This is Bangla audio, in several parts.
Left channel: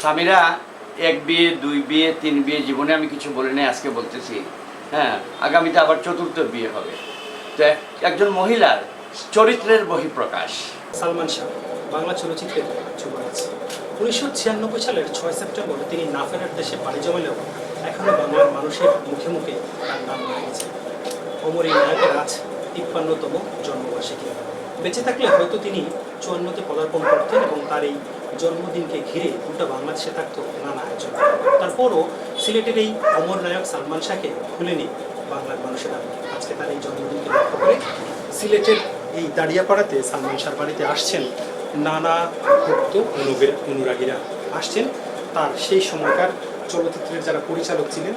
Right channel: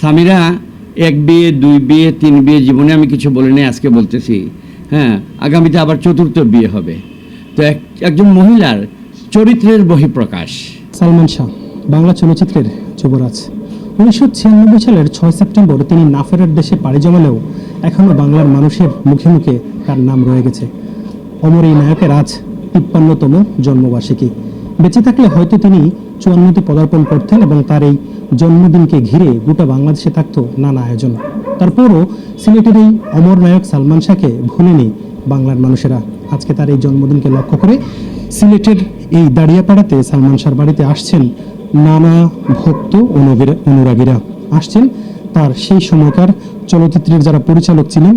স্বামীরা এক বিয়ে, দুই বিয়ে, তিন বিয়ে জীবনে আমি কিছু বলে বলিনি আজকে বলতেছি। হ্যাঁ আগামীতে আবার চতুর্থ বিয়ে হবে। তো একজন মহিলার চরিত্রের বহিঃপ্রকাশ। সালমান শাহ, বাংলা চলচ্চিত্রের যুবরাজ। উনিশশো ছিয়ানব্বই সালের ছয় সেপ্টেম্বর তিনি নাফেরার দেশে পাড়ি জমালেও এখনও বাংলার মানুষের মুখে মুখে তার নাম রয়ে গেছে। অমর এই নায়কের আজ তিপ্পান্নতম জন্মবার্ষিকী। বেঁচে থাকলে হয়তো তিনি চুয়ান্নটি পদার্পণ করতেন এবং তার এই জন্মদিনকে ঘিরে গোটা বাংলাদেশে থাকতো নানা আয়োজন। তারপরও সিলেটের এই অমর নায়ক সালমান শাহকে ভুলেনি বাংলার মানুষেরা। আজকে তার এই জন্মদিনকে লক্ষ্য করে সিলেটের এই দাঁড়িয়াপাড়াতে সালমান শাহর বাড়িতে আসছেন নানা ভক্ত অনুরাগীরা। আসছেন তার সেই সময়কার চলচ্চিত্রের যারা পরিচালক ছিলেন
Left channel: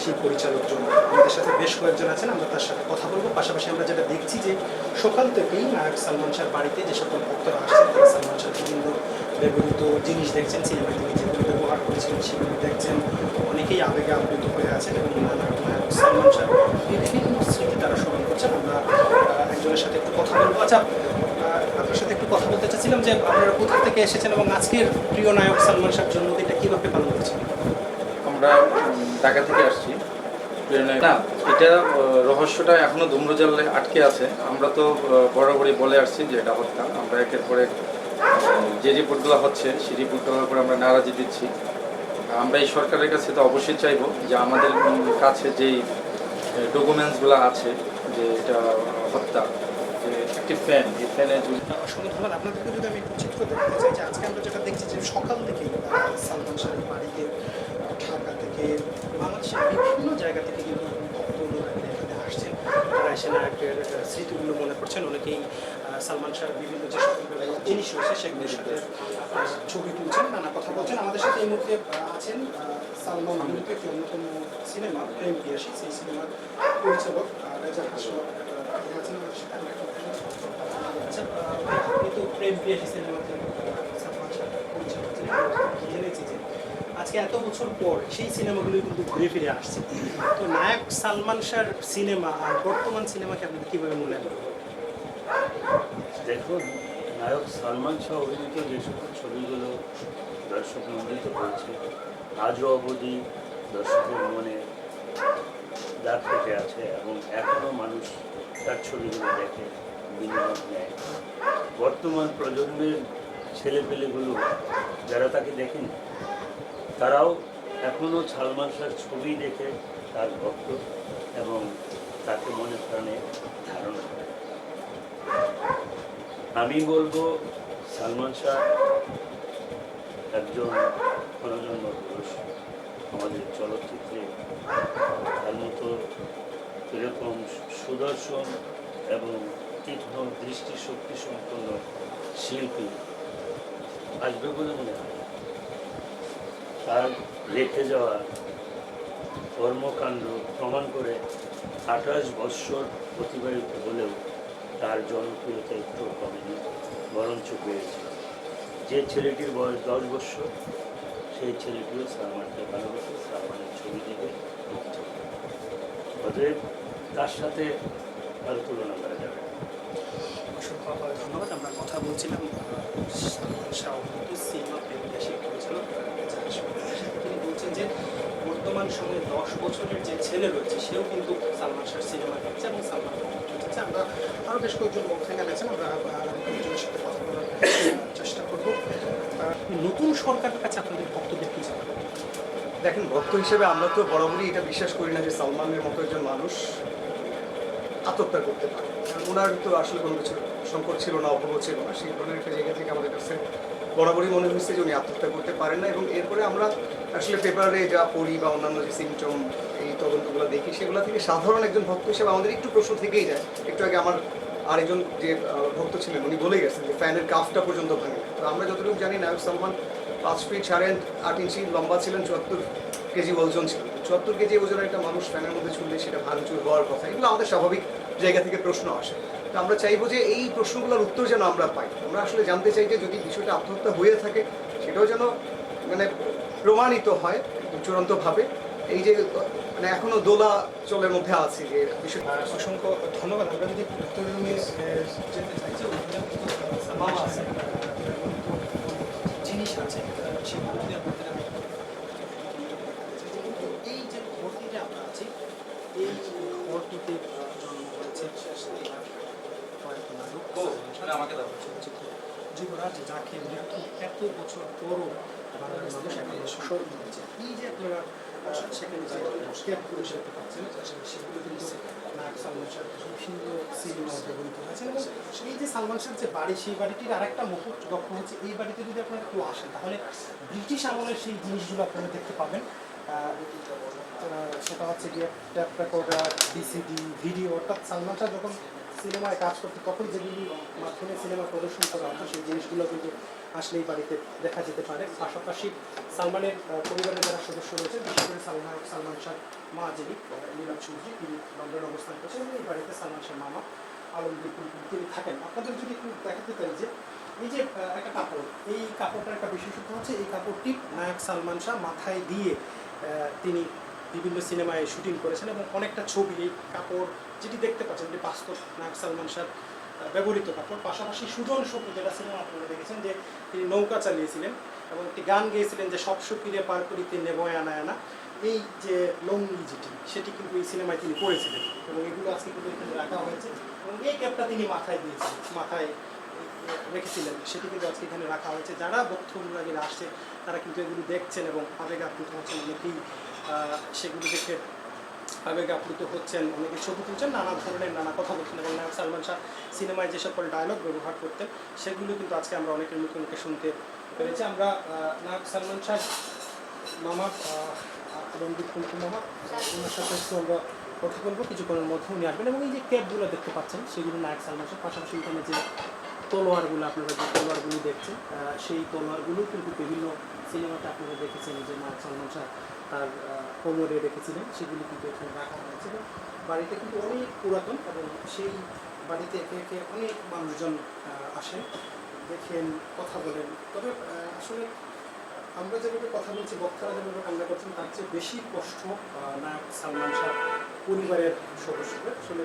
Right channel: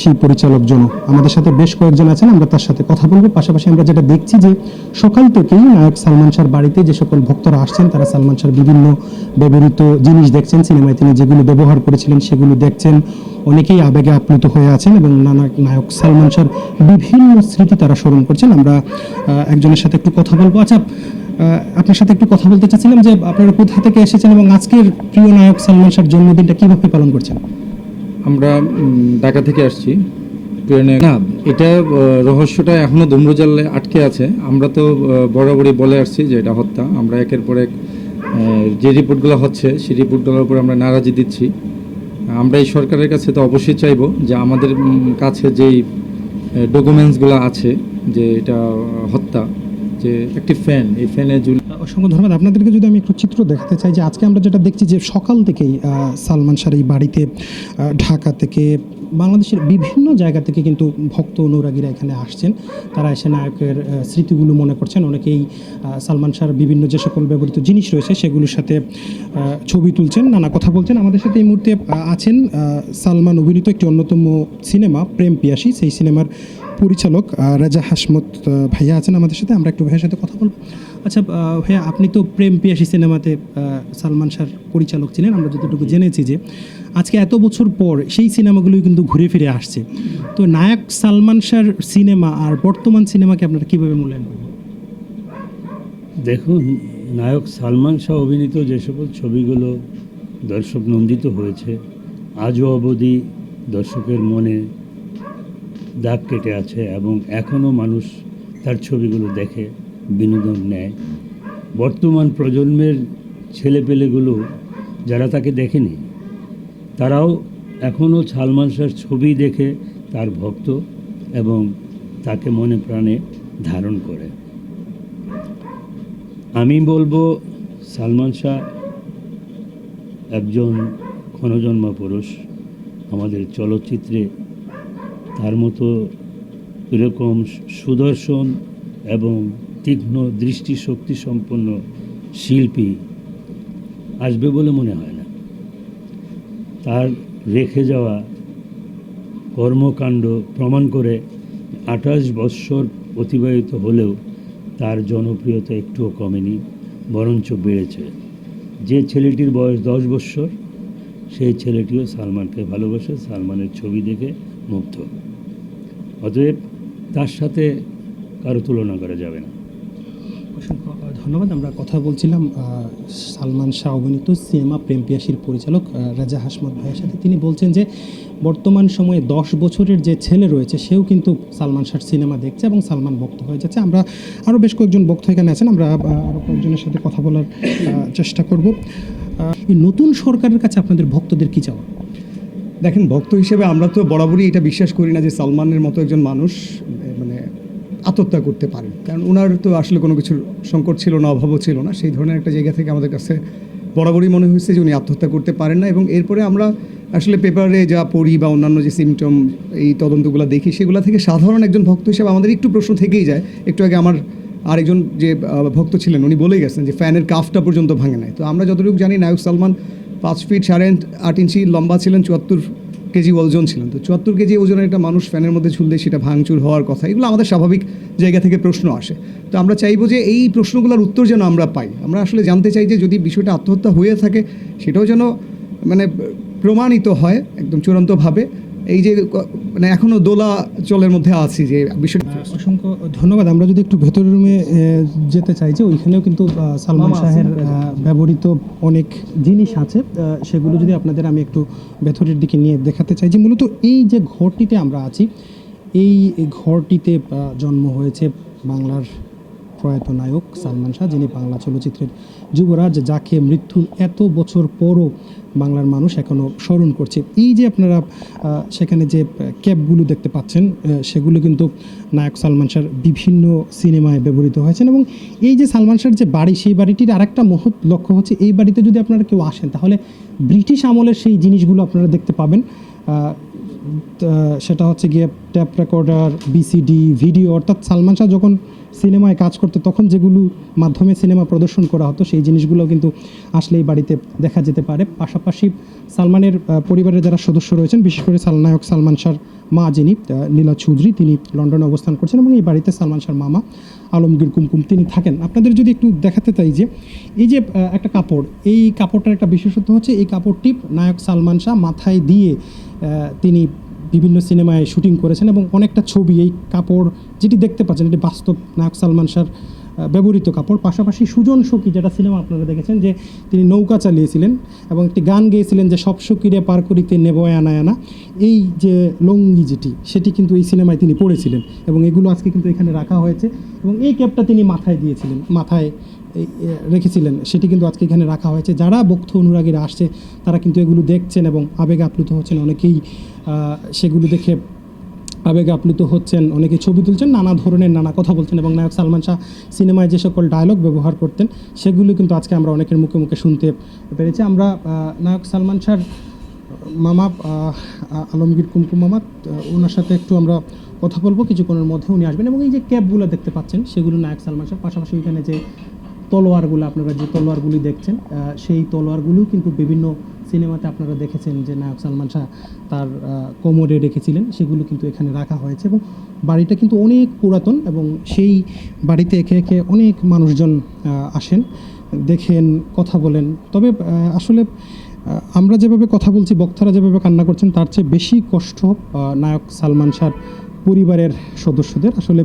সেই পরিচালক জন। আমাদের সাথে বেশ কয়েকজন আছেন, আমরা তার সাথে কথা বলব। পাশাপাশি আমরা যেটা দেখছি যে সকাল থেকেই নায়ক সালমান শাহর বাড়িতে যে সকল ভক্তরা আসছেন, তারা সালমান শাহর বিভিন্ন ব্যবহৃত জিনিস দেখছেন, সিনেমায় তিনি যেগুলো ব্যবহার করেছিলেন সেগুলো দেখছেন। অনেকেই আবেগে আপ্লুত হয়ে আছেন এবং নানা নায়ক সালমান শাহর বিভিন্ন স্মৃতি তারা স্মরণ করছেন। আমরা একজনের সাথে একটু কথা বলব। আচ্ছা আপনার সাথে একটু কথা বলতে চাচ্ছিলাম যে আপনারা কোথা থেকে এসেছেন এবং আজকের প্রিয় নায়ক সালমান শাহর জন্মদিনটা কীভাবে পালন করছেন? আমরা ঢাকা থেকে আসছি। ট্রেনে না, এটা রহস্যটা এখনও ধূম্রজালে আটকে আছে। আমরা তো বরাবরই বলে আসছি যে এটা হত্যা। আমরা একের পর এক যে রিপোর্টগুলো হচ্ছে, সেই রিপোর্টগুলোর উপর আমরা নারাজি দিচ্ছি। আমরা এই সরকারের কাছে তো অবশ্যই চাইব যে আমাদের কাছে যেই ডকুমেন্টসগুলো আছে যে এটা হত্যা, যে একটি ফ্যান এই ফ্যানে অসংখ্য ধন্যবাদ আপনাদেরকে যদি আমি একটু চিত্র দেখাতে চাই, যে আজকে আমরা যেটা দেখছি যে সকাল থেকেই সালমান শাহর এই বাড়িতে ঢাকা থেকে বাংলাদেশের বিভিন্ন জায়গা থেকে কিন্তু ভক্ত অনুরাগীরা এখানে আসছেন। তারা এসে নায়কের স্মৃতিগুলো মনে করছেন। অনেকেই সালমান শাহর বিভিন্ন যে সকল ব্যবহৃত জিনিস রয়েছে, সেগুলির সাথে ছবি তুলছেন, নানা কথা বলছেন। আমাদের সাথে এই মুহূর্তে আছেন সালমান অভিনীত একটি অন্যতম সিনেমা, প্রেম পিয়াসী। সেই সিনেমার পরিচালক রেজা হাসমত ভাইয়া আছেন আমাদের সাথে। আমরা একটু ভাইয়ের সাথে কথা বলব। আচ্ছা ভাইয়া, আপনি তো প্রেম পিয়াসী সিনেমাতে সালমান শাহর পরিচালক ছিলেন, আমরা যতটুকু জেনেছি যে আজকে এত বছর পর সেই সিনেমাগুলোই কিন্তু ঘুরে ফিরে আসছে। তো নায়ক সালমান শাহর সিনেমা আর বর্তমান সিনেমাকে আপনারা কীভাবে মূল্যায়ন করেন দেখুন, নায়ক সালমান শাহ অভিনীত যে সকল ছবিগুলো দর্শক নন্দিত হয়েছে, আজও অবধি দর্শকের মনে দাগ কেটে আছে এবং এখনও মানুষ তার ছবিগুলো দেখে বিনোদন নেয়। বর্তমান প্রজন্মের ছেলেপেলেগুলো যারা তাকে দেখেনি, তারাও এখনও সালমান শাহর ছবি দেখে তার ভক্ত এবং তাকে মনে প্রাণে ধারণ করে। আমি বলব সালমান শাহ একজন ক্ষণজন্ম পুরুষ। আমাদের চলচ্চিত্রে তার মতো এরকম সুদর্শন এবং তীক্ষ্ণ দৃষ্টিশক্তি সম্পন্ন শিল্পী আসবে বলে মনে হয়। না তার রেখে যাওয়া কর্মকাণ্ড প্রমাণ করে আঠাশ বৎসর অতিবাহিত হলেও তার জনপ্রিয়তা একটুও কমেনি, বরঞ্চ বেড়েছে। যে ছেলেটির বয়স দশ বৎসর, সেই ছেলেটিও সালমানকে ভালোবাসে, সালমানের ছবি দেখে মুগ্ধ। অতএব তার সাথে কারও তুলনা করা যাবে না। ধন্যবাদ, আমরা কথা বলছিলাম সালমান শাহ অভিনীত সিনেমা প্রেম পিয়াসীর পরিচালক রাজা হাসমান সাথে। তিনি বলছেন যে, বর্তমান সময়ে দশ বছরের যে ছেলে রয়েছে, সেও কিন্তু সালমান শাহর সিনেমা দেখছে এবং সালমান ভক্ত হয়ে যাচ্ছে। আমরা আরও বেশ কয়েকজন ভক্ত এখানে আছেন, আমরা আরও কয়েকজনের সাথে কথা বলার চেষ্টা করব। নতুন সরকারের কাছে আপনাদের ভক্তদের কী চাওয়া? দেখেন, ভক্ত হিসেবে আমরা তো বরাবরই এটা বিশ্বাস করি না যে সালমানের মতো একজন মানুষ মানে আত্মহত্যা করতে পারে। কারণ ওনার তো আসলে কোনো কিছুর সংকট ছিল না, অভাবও ছিল না। সেই ধরনের একটা জায়গা থেকে আমাদের কাছে বরাবরই মনে হয়েছে যে উনি আত্মহত্যা করতে পারেন না এবং এরপরে আমরা আসলে পেপারে যা পড়ি বা অন্যান্য যে সিমটম এই তদন্তগুলো দেখি, সেগুলো থেকে সাধারণ একজন ভক্ত হিসেবে আমাদের একটু প্রশ্ন থেকেই যায়। একটু আগে আমার আরেকজন যে ভক্ত ছিলেন, উনি বলেই গেছেন যে ফ্যানের কাফটা পর্যন্ত ভাঙে নাই। তো আমরা যতটুকু জানি, নায়ক সালমান পাঁচ ফিট সাড়ে আট ইঞ্চি লম্বা ছিলেন, চুয়াত্তর কেজি ওজন ছিলেন তো চুয়াত্তর কেজি ওজনের একটা মানুষ ফ্যানের মধ্যে ঝুললে সেটা ভাঙচুর হওয়ার কথা, এগুলো আমাদের স্বাভাবিক জায়গা থেকে প্রশ্ন আসে। তো আমরা চাইব যে এই প্রশ্নগুলোর উত্তর যেন আমরা পাই। আমরা আসলে জানতে চাই যে যদি বিষয়টা আত্মহত্যা হয়ে থাকে, সেটাও যেন মানে প্রমাণিত হয় একদম চূড়ান্তভাবে। এই যে মানে এখনও দোলা চলের মধ্যে আছি যে বিষয় অসংখ্য ধন্যবাদ। আমরা যদি একটু ভেতরের রুমে যেতে চাই যে ওইখানেও কিন্তু সালমান শাহের ব্যবহৃত অনেক জিনিস আছে। সেগুলো যদি আপনাদের আমি একটু ভেতরের দিকে নিয়ে দেখাতে চাই যে মূলত এই যে ঘরটিতে আমরা আছি এই ঘরটিতে জন্ম হয়েছে বাংলার প্রয়াত নায়ক সালমান শাহ যিনি বাংলা চলচ্চিত্রের যুবরাজ যাকে মৃত্যু এত বছর পরও বাংলার মানুষ এখনও স্মরণ করছে। এই যে আপনারা সেখানে যে ক্যাবগুলো দেখতে পাচ্ছেন সেগুলো কিন্তু নায়ক সালমান শাহর বিভিন্ন সিনেমায় ব্যবহৃত হয়েছেন এবং এই যে সালমান শাহর যে বাড়ি, সেই বাড়িটির আরেকটা মহৎ লক্ষ্য হচ্ছে, এই বাড়িতে যদি আপনারা কেউ আসেন, তাহলে ব্রিটিশ আমলের সেই জিনিসগুলো আপনারা দেখতে পাবেন। সেটা হচ্ছে গিয়ে ট্যাপ রেকর্ডার, বিসিডি, ভিডিও, অর্থাৎ সালমান শাহ যখন সিনেমায় কাজ করতে তখন যেগুলো মাধ্যমে সিনেমা প্রদর্শন করা হতো, সেই জিনিসগুলো কিন্তু আসলে এই বাড়িতে দেখা যেতে পারে। পাশাপাশি সালমানের পরিবারের যারা সদস্য রয়েছেন, বিশেষ করে সাল- নায়ক সালমান শাহর মা যিনি লীলা চৌধুরী, তিনি লন্ডনে অবস্থান করছেন এবং এই বাড়িতে সালমান শাহর মামা আলমগীর কুমকুম, তিনি থাকেন। আপনাদের যদি একটু দেখাতে চাই যে, এই যে একটা কাপড়, এই কাপড়টার একটা বিশেষত্ব হচ্ছে, এই কাপড়টি নায়ক সালমান শাহ মাথায় দিয়ে তিনি বিভিন্ন সিনেমায় শুটিং করেছেন এবং অনেকটা ছবি এই কাপড় যেটি দেখতে পাচ্ছেন এটি বাস্তব নায়ক সালমান আহ, ব্যবহৃত কাপড়। পাশাপাশি সুজন সখী যেটা সিনেমা আপনারা দেখেছেন যে তিনি নৌকা চালিয়েছিলেন এবং একটি গান গেয়েছিলেন যে সব সখীরে পার করিতে নেব আনা আনা এই যে লঙ্গি যেটি সেটি কিন্তু এই সিনেমায় তিনি পড়েছিলেন এবং এগুলো আজকে কিন্তু এখানে রাখা হয়েছে এবং এই ক্যাপটা তিনি মাথায় দিয়েছিলেন মাথায় রেখেছিলেন। সেটি কিন্তু আজকে এখানে রাখা হয়েছে। যারা বক্ত অনুরাগীরা আসছে তারা কিন্তু এগুলো দেখছেন এবং আবেগ আপ্লুত হচ্ছেন। অনেকেই সেগুলো দেখে আবেগে আপ্লুত হচ্ছেন। অনেকে ছবি তুলছেন, নানা ধরনের নানা কথা বলছেন এবং নায়ক সালমান শাহ সিনেমায় যে সকল ডায়লগ ব্যবহার করতেন, সেগুলো কিন্তু আজকে আমরা অনেকের মুখে মুখে শুনতে পেরেছি। আমরা নায়ক সালমান শাহর মামা আলমগীর কুমকুম মামা ওনার সাথে একটু আমরা কথা বলব। কিছুক্ষণের মধ্যে উনি আসবেন এবং এই যে ক্যাবগুলো দেখতে পাচ্ছেন, সেগুলো নায়ক সালমান শাহ। পাশাপাশি এখানে যে তলোয়ারগুলো, আপনারা যে তলোয়ারগুলি দেখছেন সেই তলোয়ারগুলো কিন্তু বিভিন্ন সিনেমাতে আপনারা দেখেছেন যে নায়ক সালমান শাহ তার কোমরে রেখেছিলেন, সেগুলো কিন্তু এখানে রাখা হয়েছে এবং বাড়িটা কিন্তু অনেক পুরাতন এবং সেই বাড়িতে একে একে অনেক মানুষজন আসেন, দেখেন, কথা বলেন। তবে আসলে আমরা যেভাবে কথা বলছি, বক্তারা যেভাবে কান্না করছেন, তার চেয়ে বেশি কষ্ট নায়ক সালমান শাহ পরিবারের সদস্যদের। আসলে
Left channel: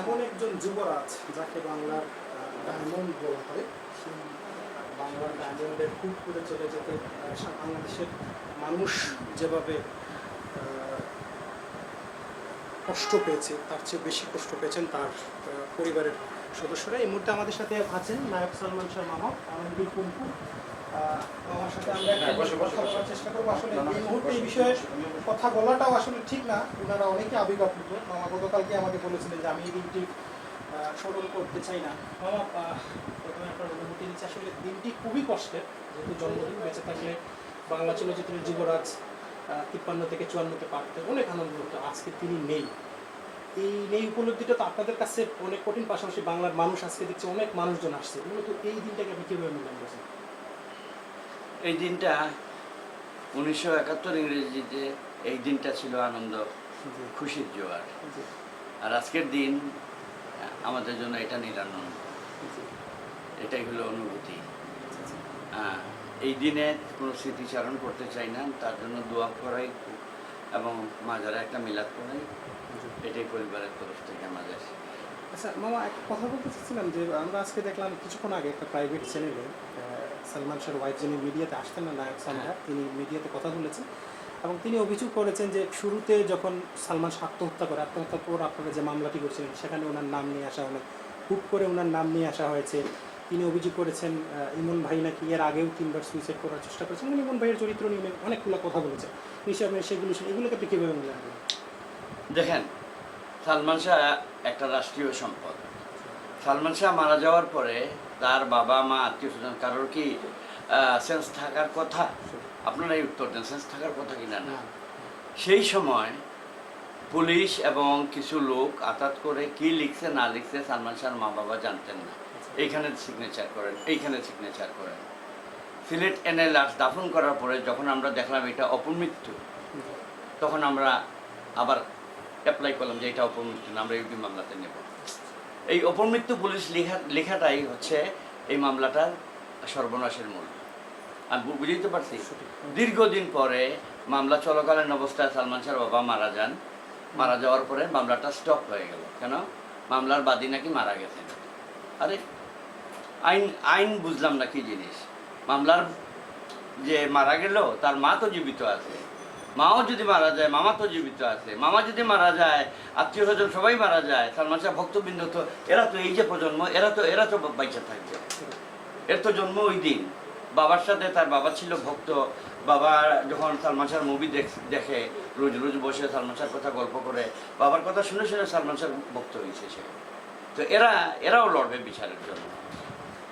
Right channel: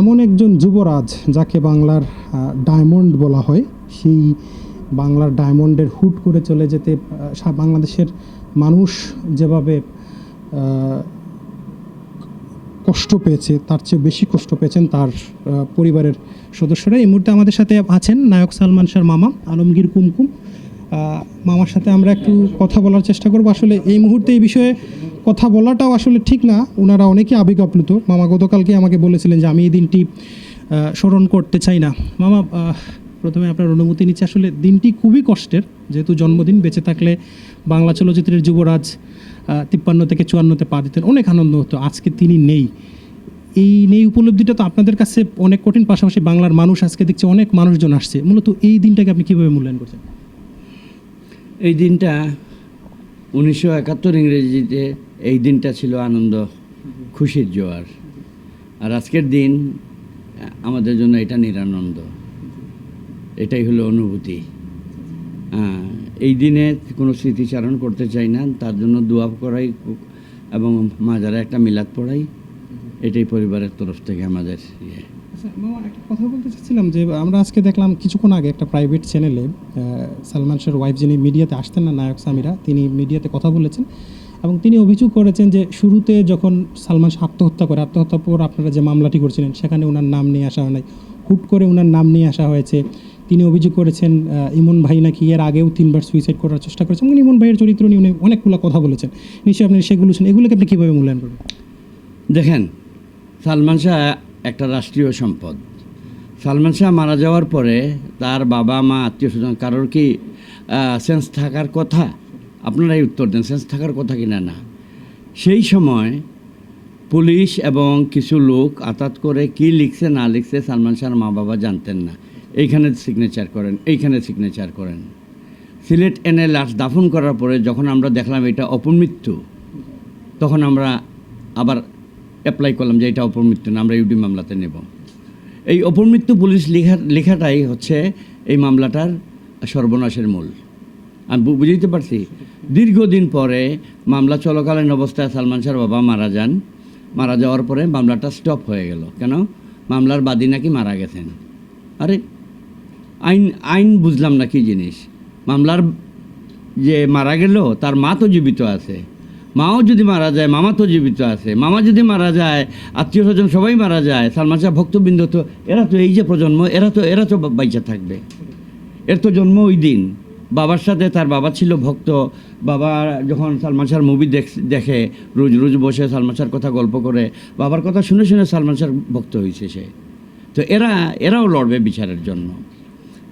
এমন একজন যুবরাজ যাকে বাংলার ডায়মন্ড বলা হয়, সেই বাংলার ডায়মন্ডের হুট করে চলে যেতে বাংলাদেশের মানুষ যেভাবে কষ্ট পেয়েছে, তার চেয়ে বেশি কষ্ট পেয়েছেন তার পরিবারের সদস্যরা। এই মুহূর্তে আমাদের সাথে আছেন নায়ক সালমান শাহর মামা, আলমগীর কুমকুম মামার সাথে আমরা একটু কথা বলার চেষ্টা করব। আসলে এই মুহূর্তে এই বিষয়ে কথা বলাটাও আসলে ঠিক না। ওনারা অনেকে আবেগ আপ্লুত মামা গতকালকে আমাকে বলেছিলেন যে আমি এই দিনটি স্মরণ করতে চাই না। মামা প্রথমে আপনার অনুমতি নিচ্ছে আসলে দিনটি খুবই কষ্টের, যেহেতু জন্মদিন, বেঁচে থাকলে বাংলা চলচ্চিত্রের যুবরাজ তিপ্পান্ন থেকে চুয়ান্নতে পা দিতেন। অনেক আনন্দ হতো, আজকে তিনি নেই। এই নেই উপলব্ধিটা তো আপনাদের কাছে অনেক কঠিন, পাশাপাশি বাংলার মানুষ আজকে দেখছে অনেক মানুষজন আসছে। মূলত এই দিনটাকে আপনি কীভাবে মূল্যায়ন করছেন? এই দিনটা উনিশশো একাত্তর ইংরেজিতে এই দিনটা ছিল আনন্দ, খুশির জোয়ার। আর আজকের দিন আমাদের জন্য এটা নিরানন্দ। এটাই হলো অনুভূতি। হ্যাঁ, এই দিনে কোনো স্মৃতিচারণ করতে চাই না তার জন্য দোয়া করাই এবং মাজারে একটা মিলাদ পড়াই। এটাই পরিবারের তরফ থেকে আমাদের। আচ্ছা কথা বলতে চাচ্ছিলাম যে আমরা আজকে দেখলাম কিছুক্ষণ আগে একটা প্রাইভেট চ্যানেলে সালমান শাহর ওয়াইফ যিনি মিডিয়াতে আসতেন না নায়ক সামিরা তিনি মিডিয়াতে কথা বলেছেন। এবং তিনি অভিযোগ করেছেন যে শুরুতে যখন সালমান শাহ আত্মহত্যা করে আত্মহত্যার পর আপনারা যে মামলাটি করছিলেন সেখানে ওনার নাম নিয়ে আসা হয় হুট করে ওনার নাম নিয়ে আসা হয়েছে। তিনি অভিযোগ করেছেন ইমন ভাই নাকি এর আগেও তিনবার সুইসাইড করার চেষ্টা করেছেন। এবং ইমন ভাইয়ের চরিত্র নিয়ে উনি অনেকগুলো কথা বলেছেন। নিশ্চয়ই আপনি সেগুলো শুনে এগুলোকে আপনি কীভাবে মূল্যায়ন করবেন? দেখেন, সালমান শাহ একটা রাষ্ট্রীয় সম্পদ। সালমান শাহ মারা যাওয়ার পরে তার বাবা, মা, আত্মীয় স্বজন, কারোর কি সেন্স থাকার কথা? আপনারাই উত্তর দেন সেন্স থাকার কথা কিনা না সেই সময় পুলিশ এবং কিছু লোক আতাত করে কি লিখছে, না লিখছে সালমান শাহর মা বাবা জানতেন না। এইখানে সিগনেচার করেন, এইখানে সিগনেচার করেন। সিলেট এনে লাশ দাফন করার পরে যখন আমরা দেখলাম এটা অপমৃত্যু, তখন আমরা আবার অ্যাপ্লাই করলাম যে এটা অপমৃত্যু না, আমরা ইউডি মামলাতে নেব। এই অপমৃত্যু পুলিশ লেখা, লেখাটাই হচ্ছে এই মামলাটার সর্বনাশের মূল। আমি বুঝতে পারছি? দীর্ঘদিন পরে মামলা চলাকালীন অবস্থায় সালমান শাহর বাবা মারা যান। মারা যাওয়ার পরে মামলাটা স্টপ হয়ে গেল। কেন? মামলার বাদী নাকি মারা গেছেন। আরে আইন আইন বুঝলাম না কি জিনিস। মামলার যে মারা গেল, তার মা তো জীবিত আছে। মাও যদি মারা যায়, মামা তো জীবিত আছে। মামা যদি মারা যায়, আত্মীয় স্বজন সবাই মারা যায়, সালমান শাহ ভক্তবৃন্দ তো, এরা তো এই যে প্রজন্ম, এরা তো এরা তো বাইচা থাকবে। এর তো জন্ম ওই দিন। বাবার সাথে তার বাবা ছিল ভক্ত। বাবা যখন সালমান শাহর মুভি দেখে রোজ রোজ বসে সালমান শাহর কথা গল্প করে, বাবার কথা শুনে শুনে সালমান শাহর ভক্ত হয়েছে সে। তো এরা, এরাও লড়বে বিচারের জন্য।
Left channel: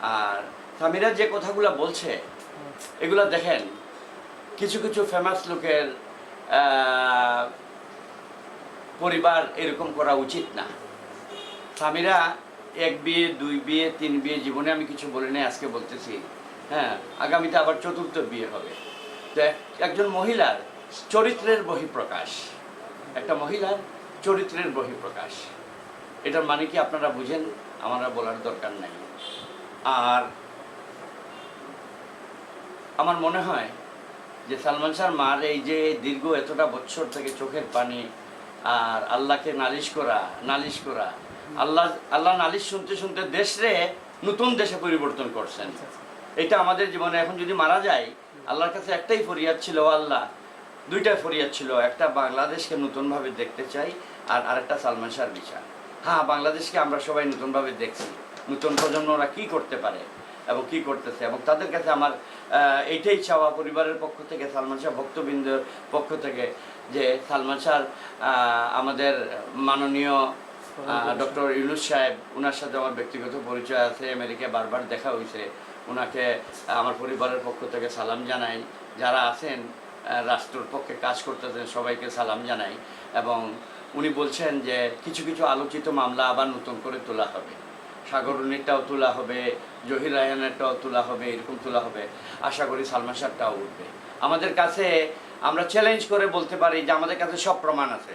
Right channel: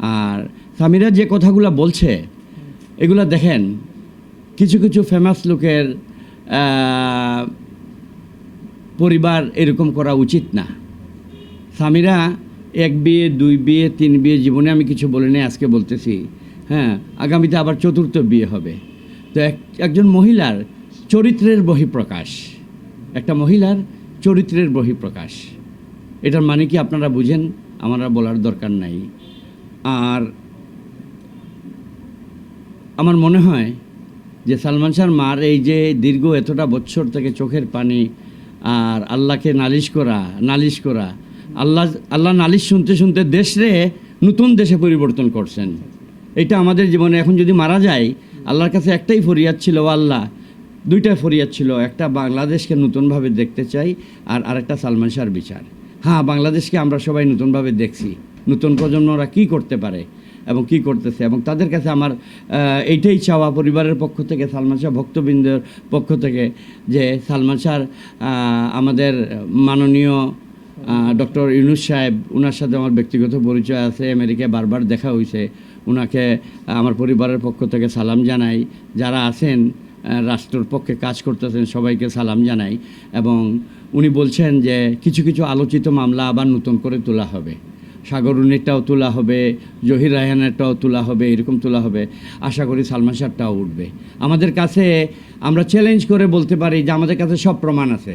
আর সামিরা যে কথাগুলো বলছে, এগুলো দেখেন, কিছু কিছু ফেমাস লোকের পরিবার এরকম করা উচিত না। স্বামীরা এক বিয়ে, দুই বিয়ে, তিন বিয়ে জীবনে আমি কিছু বলিনি আজকে বলতেছি। হ্যাঁ আগামীতে আবার চতুর্থ বিয়ে হবে। তো একজন মহিলার চরিত্রের বহিঃপ্রকাশ, একটা মহিলার চরিত্রের বহিঃপ্রকাশ, এটার মানে কি আপনারা বুঝেন? আমার বলার দরকার নাই। আর আমার মনে হয় যে সালমান শাহর মার এই যে দীর্ঘ এতটা বছর থেকে চোখের পানি আর আল্লাহকে নালিশ করা নালিশ করা, আল্লাহ আল্লাহ নালিশ শুনতে শুনতে দেশরে নতুন দেশে পরিবর্তন করছেন। এটা আমাদের জীবনে এখন যদি মারা যায়, আল্লাহর কাছে একটাই ফরিয়াদ ছিল আল্লাহ দুইটা ফরিয়াদ ছিল, একটা বাংলাদেশকে নতুনভাবে দেখতে চাই আর আরেকটা সালমান শাহর বিচার। হ্যাঁ বাংলাদেশকে আমরা সবাই নতুনভাবে দেখছি। নতুন প্রজন্মরা কি করতে পারে এবং কি করতেছে? এবং তাদের কাছে আমার এইটাই চাওয়া পরিবারের পক্ষ থেকে, সালমান শাহ ভক্তবৃন্দের পক্ষ থেকে যে সালমান শাহ আমাদের মাননীয় ডক্টর ইউনুস সাহেব ওনার সাথে আমার ব্যক্তিগত পরিচয় আছে, আমেরিকায় বারবার দেখা হয়েছে ওনাকে আমার পরিবারের পক্ষ থেকে সালাম জানাই। যারা আছেন রাষ্ট্রর পক্ষে কাজ করতেছেন, সবাইকে সালাম জানাই। এবং উনি বলছেন যে কিছু কিছু আলোচিত মামলা আবার নতুন করে তোলা হবে। সাগরুনিরটাও তোলা হবে জহির রায়হানেরটাও তোলা হবে এরকম তোলা হবে। আশা করি সালমান শাহটাও উঠবে। আমাদের কাছে আমরা চ্যালেঞ্জ করে বলতে পারি যে আমাদের কাছে সব প্রমাণ আছে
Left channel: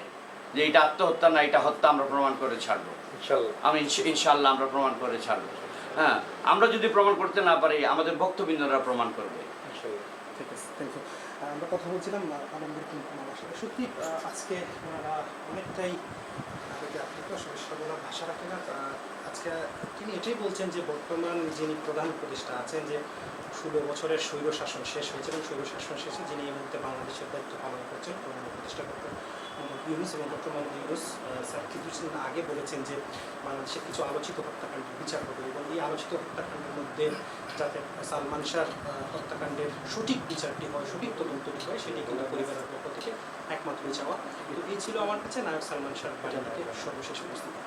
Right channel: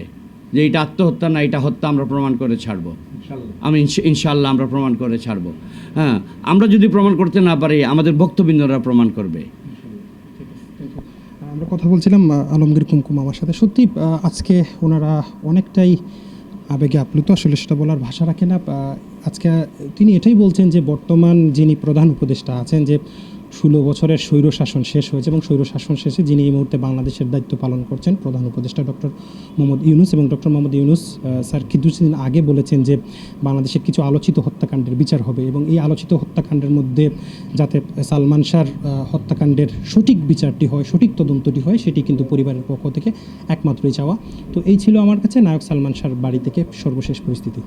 যে এটা আত্মহত্যা না এটা হত্যা আমরা প্রমাণ করে ছাড়বো। আমি ইনশাল্লাহ আমরা প্রমাণ করে ছাড়বো। হ্যাঁ আমরা যদি প্রমাণ করতে না পারি আমাদের ভক্তবৃন্দরা প্রমাণ করবে। আমরা কথা বলছিলাম আলমগীর কুমকুম আমার সাথে। সত্যি আজকে ওনারা অনেকটাই আবেগে আপ্লুত আসলে সেটা বলার ভাষা রাখে না। আজকে তিনি এটাই বলছেন যে বর্তমান যিনি প্রধান উপদেষ্টা আছেন যে ষোলো বছরের স্বৈর শাসন শেষ হয়েছে এবং স্বৈর শাসন শেষে যিনি এই মুহূর্তে বাংলাদেশের দায়িত্ব পালন করছেন প্রধান উপদেষ্টা ডক্টর মোহাম্মদ ইউনুস এবং ডক্টর মোহাম্মদ ইউনুস স্যার কিছুদিন আগে বলেছেন যে বাংলাদেশের কিছু আলোচিত হত্যাকাণ্ডের বিচার হবে এবং এই আলোচিত হত্যাকাণ্ডের মধ্যে যাতে সালমান শাহর হত্যাকাণ্ডের সঠিক বিচারটি হয়, সঠিক তদন্তটি হয়, সেটি কিন্তু পরিবারের পক্ষ থেকে একমাত্রই চাওয়া। তো এই ছিল আমার কাছে। নায়ক সালমান শাহর বাড়ি থেকে সর্বশেষ পরিস্থিতি।